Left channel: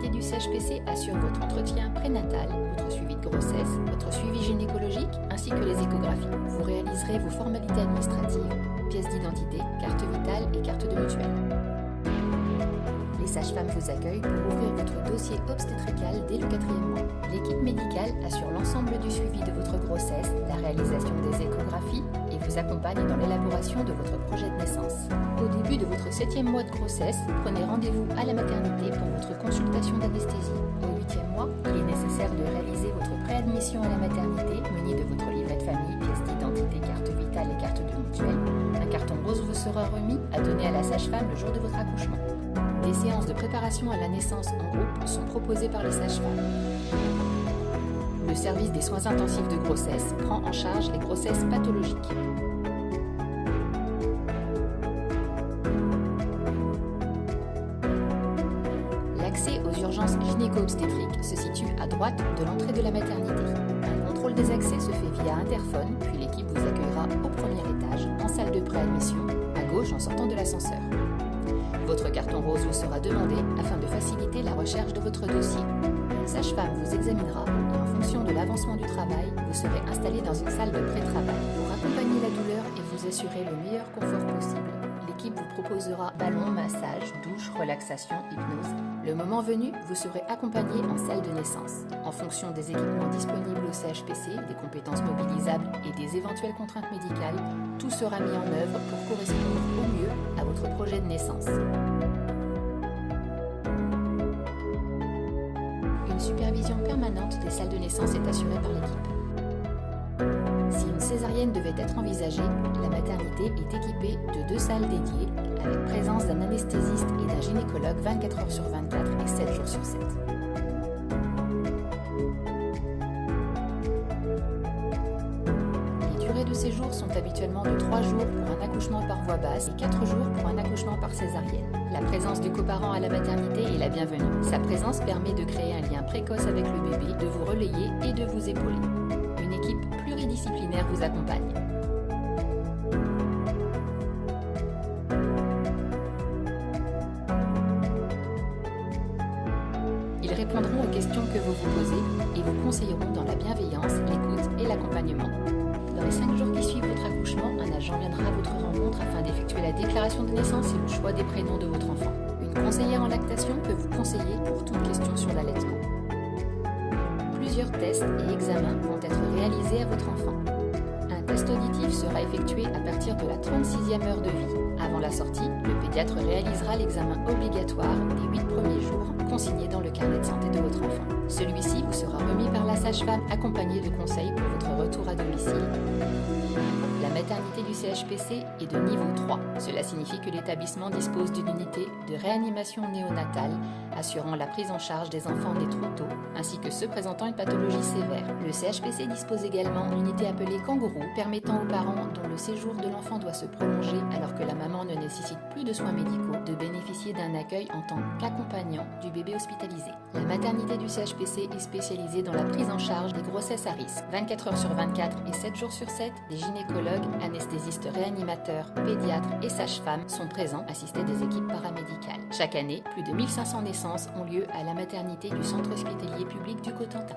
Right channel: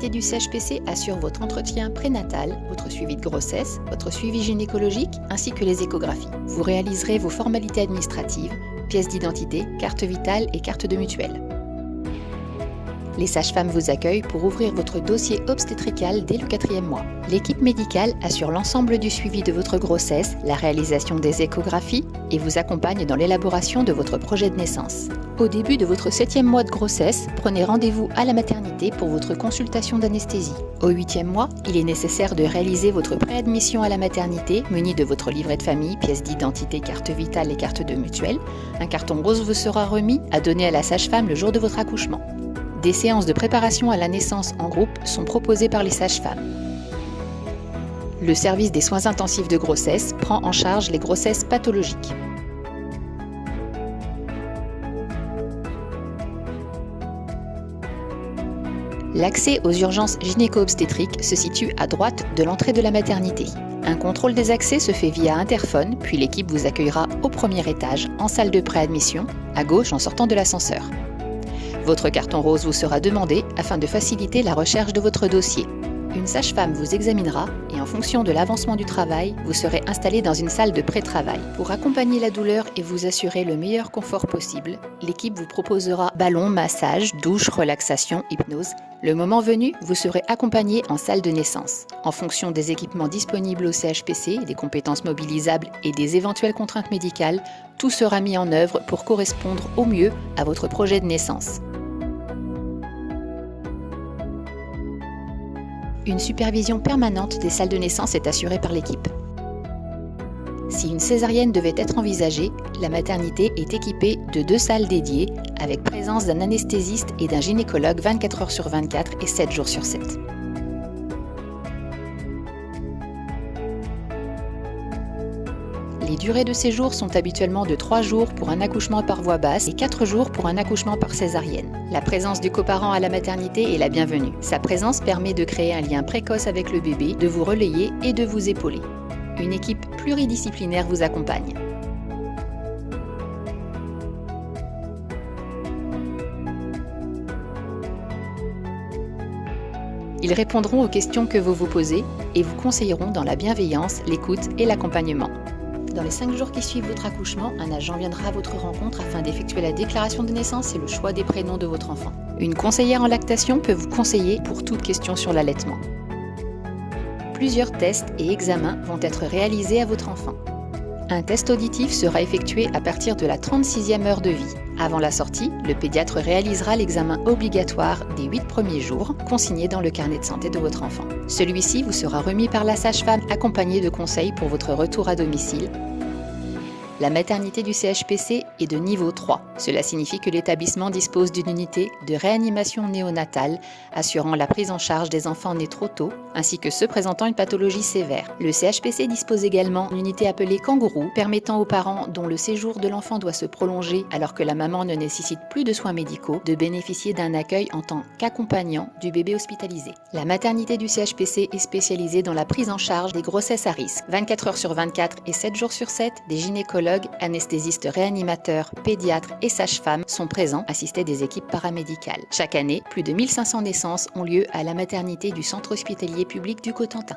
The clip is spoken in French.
maternité du CHPC assure votre entretien prénatal, votre suivi de grossesse, votre suivi gynécologique ainsi que les échographies. Vous réaliserez vos formalités administratives, pièces d'identité, carte vitale et carte de mutuelle. Les sages-femmes vous accueillent pour ouvrir votre dossier obstétrical dès le 4e mois. L'équipe médicale assure l'ensemble du suivi de votre grossesse, la réalisation des échographies et vous accompagne dans l'élaboration de votre projet de naissance. Au début de votre 7e mois de grossesse, prenez rendez-vous à la maternité pour votre consultation d'anesthésie. Au 8e mois, il est nécessaire de réaliser votre préadmission à la maternité, muni de votre livret de famille, pièces d'identité, carte vitale et carte de mutuelle. Un carton rose vous sera remis à donner à la sage-femme le jour de votre accouchement. Des séances de préparation à la naissance en groupe sont proposées par les sages-femmes. Le service des soins intensifs de grossesse prend en charge les grossesses pathologiques. L'accès aux urgences gynéco-obstétriques se situe à droite de l'entrée de la maternité. Un contrôle des accès se fait via interphone, puis l'équipe vous accueillera au premier étage, en salle de préadmission, à gauche en sortant de l'ascenseur. Votre carton rose vous sera demandé afin de faciliter la recherche de votre dossier. Une sage-femme vous examinera et en fonction de l'avancement du travail, vous serez installé dans une salle de pré-travail. Pour accompagner la douleur et vous assurer le meilleur confort possible, l'équipe vous proposera ballon, massage, douche, relaxation, hypnose. Le moment venu, vous serez accompagné en salle de naissance. En fonction des équipements disponibles au CHPC, des compétences mobilisables et des éventuelles contraintes médicales, tout sera mis en œuvre pour correspondre au mieux à votre projet de naissance. Une supervision permanente des salles de naissance est assurée par l'équipe. Si une césarienne devait être envisagée, la maternité est équipée de 2 salles dédiées avec présence d'un anesthésiste et d'un gynécologue 24 heures sur 24 et 7 jours sur 7. Les durées de séjour sont habituellement de 3 jours pour un accouchement par voie basse et 4 jours pour un accouchement par césarienne. La présence du coparent à la maternité est la bienvenue. Sa présence permet de créer un lien précoce avec le bébé, de vous relayer et de vous épauler. Une équipe pluridisciplinaire vous accompagne. Ils répondront aux questions que vous vous posez et vous conseilleront dans la bienveillance, l'écoute et l'accompagnement. Dans les 5 jours qui suivent votre accouchement, un agent viendra à votre rencontre afin d'effectuer la déclaration de naissance et le choix des prénoms de votre enfant. Une conseillère en lactation peut vous conseiller pour toute question sur l'allaitement. Plusieurs tests et examens vont être réalisés à votre enfant. Un test auditif sera effectué à partir de la 36e heure de vie. Avant la sortie, le pédiatre réalisera l'examen obligatoire des 8 premiers jours, consigné dans le carnet de santé de votre enfant. Celui-ci vous sera remis par la sage-femme accompagné de conseils pour votre retour à domicile. La maternité du CHPC est de niveau 3. Cela signifie que l'établissement dispose d'une unité de réanimation néonatale assurant la prise en charge des enfants nés trop tôt, ainsi que ceux présentant une pathologie sévère. Le CHPC dispose également d'une unité appelée Kangourou, permettant aux parents dont le séjour de l'enfant doit se prolonger alors que la maman ne nécessite plus de soins médicaux de bénéficier d'un accueil en tant qu'accompagnant du bébé hospitalisé. La maternité du CHPC est spécialisée dans la prise en charge des grossesses à risque. 24 heures sur 24 et 7 jours sur 7, des gynécologues, anesthésistes réanimateurs, pédiatres et sages-femmes sont présents, assistés des équipes paramédicales. Chaque année, plus de 1500 naissances ont lieu à la maternité du Centre hospitalier public du Cotentin.